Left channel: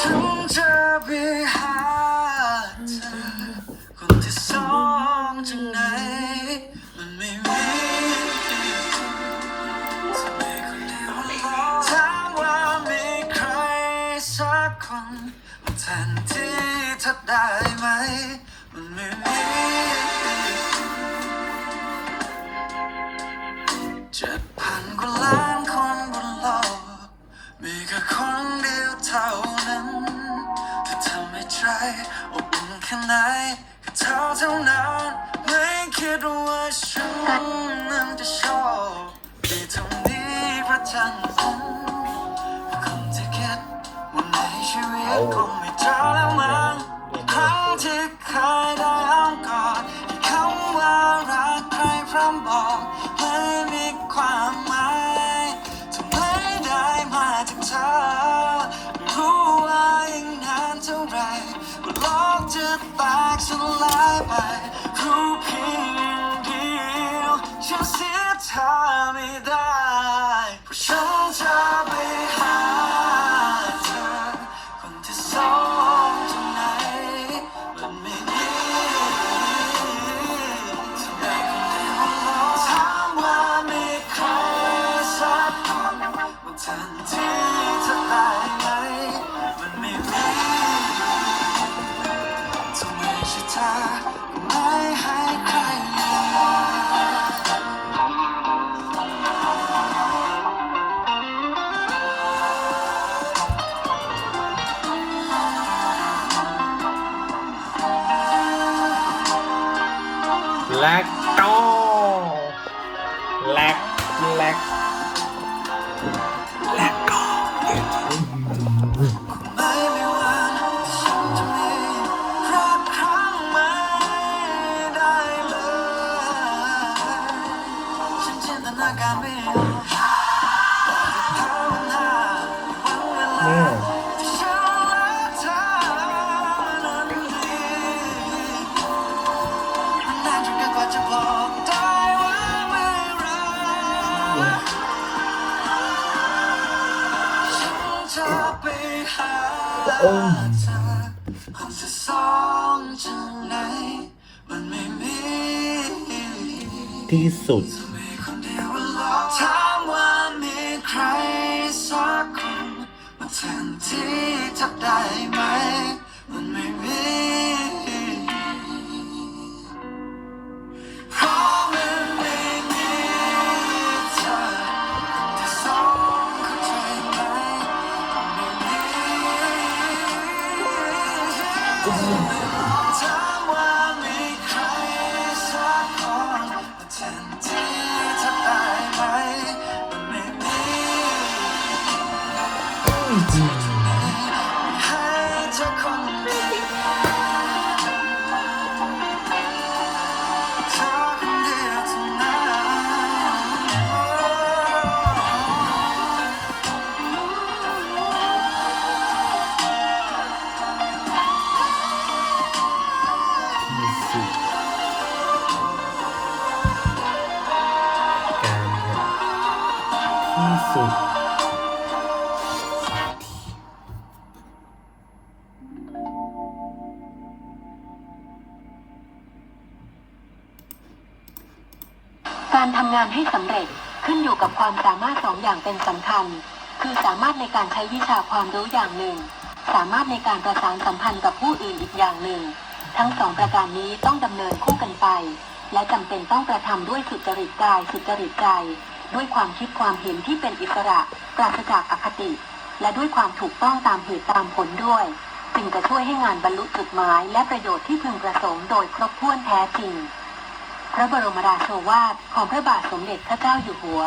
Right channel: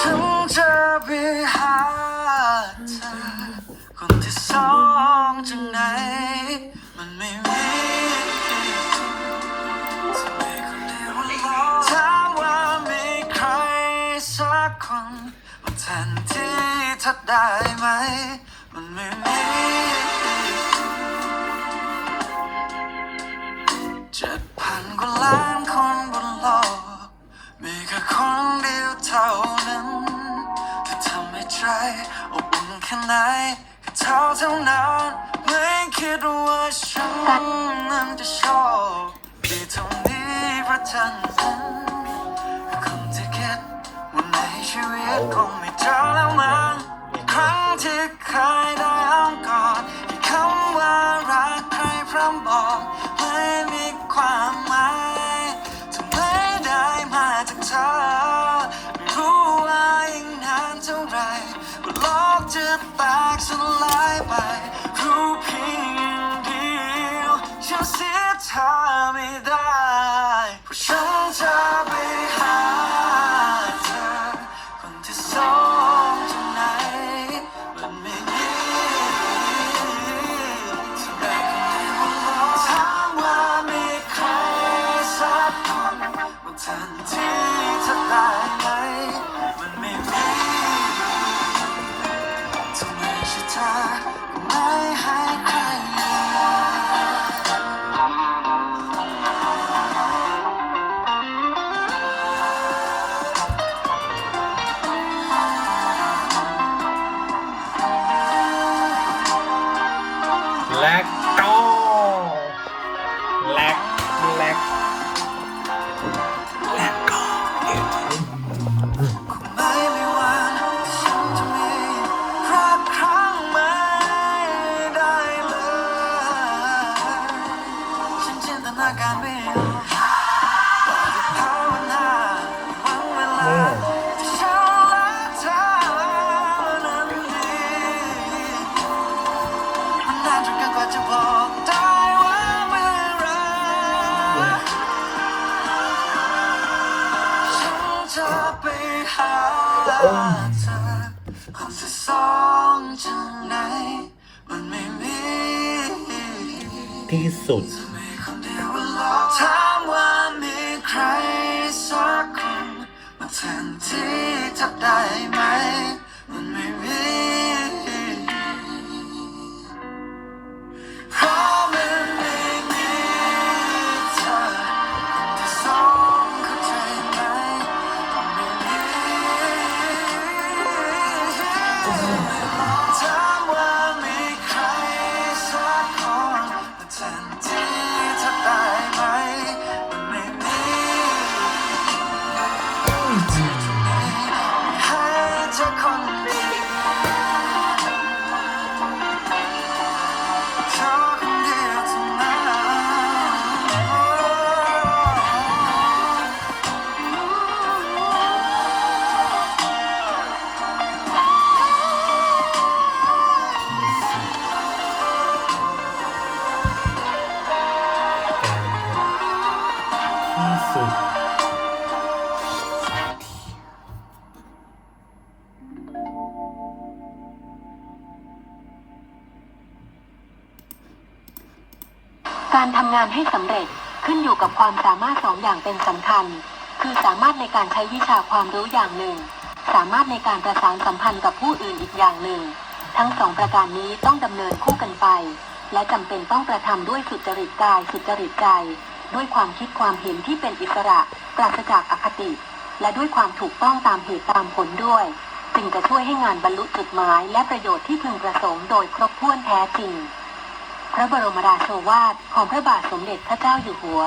ฉันจะไปหาเธอคนที่สองจากไหน มันไม่มีถามว่ามีใครสักคนมาแทนที่เธอได้ไหม มันไม่มีเจ็ดพันกว่าล้านคนบนโลกมีแค่คน เท่านั้นที่ทำให้ใจอบอุ่นแค่ไหนก็เท่าเท่านั้นไม่คิดว่าฉันนั้นจะโชคดีเท่านี้เพราะเธอ ตก และก็และและและ การไม่ออกภาวนาวันเวลาที่ฉันรักเธอนั้นดีมันนานจนเกินกว่าจะบอกได้ว่าเมื่อไหรฉันจะไปหาเธอคนที่สองจากไหนมันไม่มี ที่สุด สิ่งที่จะได้ไหม ใการทำงานให้สำเร็จขึ้นอยู่กับความสามารถสองอย่างเป็นสำคัญ คือสามารถในการใช้วิชาความรู้อย่างหนึ่ง สามารถในการประสานสัมพันธ์กับผู้อื่นอีกอย่างหนึ่ง ทั้งสองประการนี้ต้องดำเนินคู่กันไป และจำเป็นต้องกระทำด้วยสุจริตกายสุจริตใจ ด้วยความคิดความเห็นที่เป็นอิสระปราศจากอคติ และด้วยความถูกต้องตามเหตุตามผลด้วยจึงจะช่วยให้งานบรรลุจุดหมาย และประโยชน์ที่พึงประสงค์โดยครบถ้วนแท้จริง พระบรมราโชวาทของพระบาทสมเด็จพระเจ้าอยู่หัว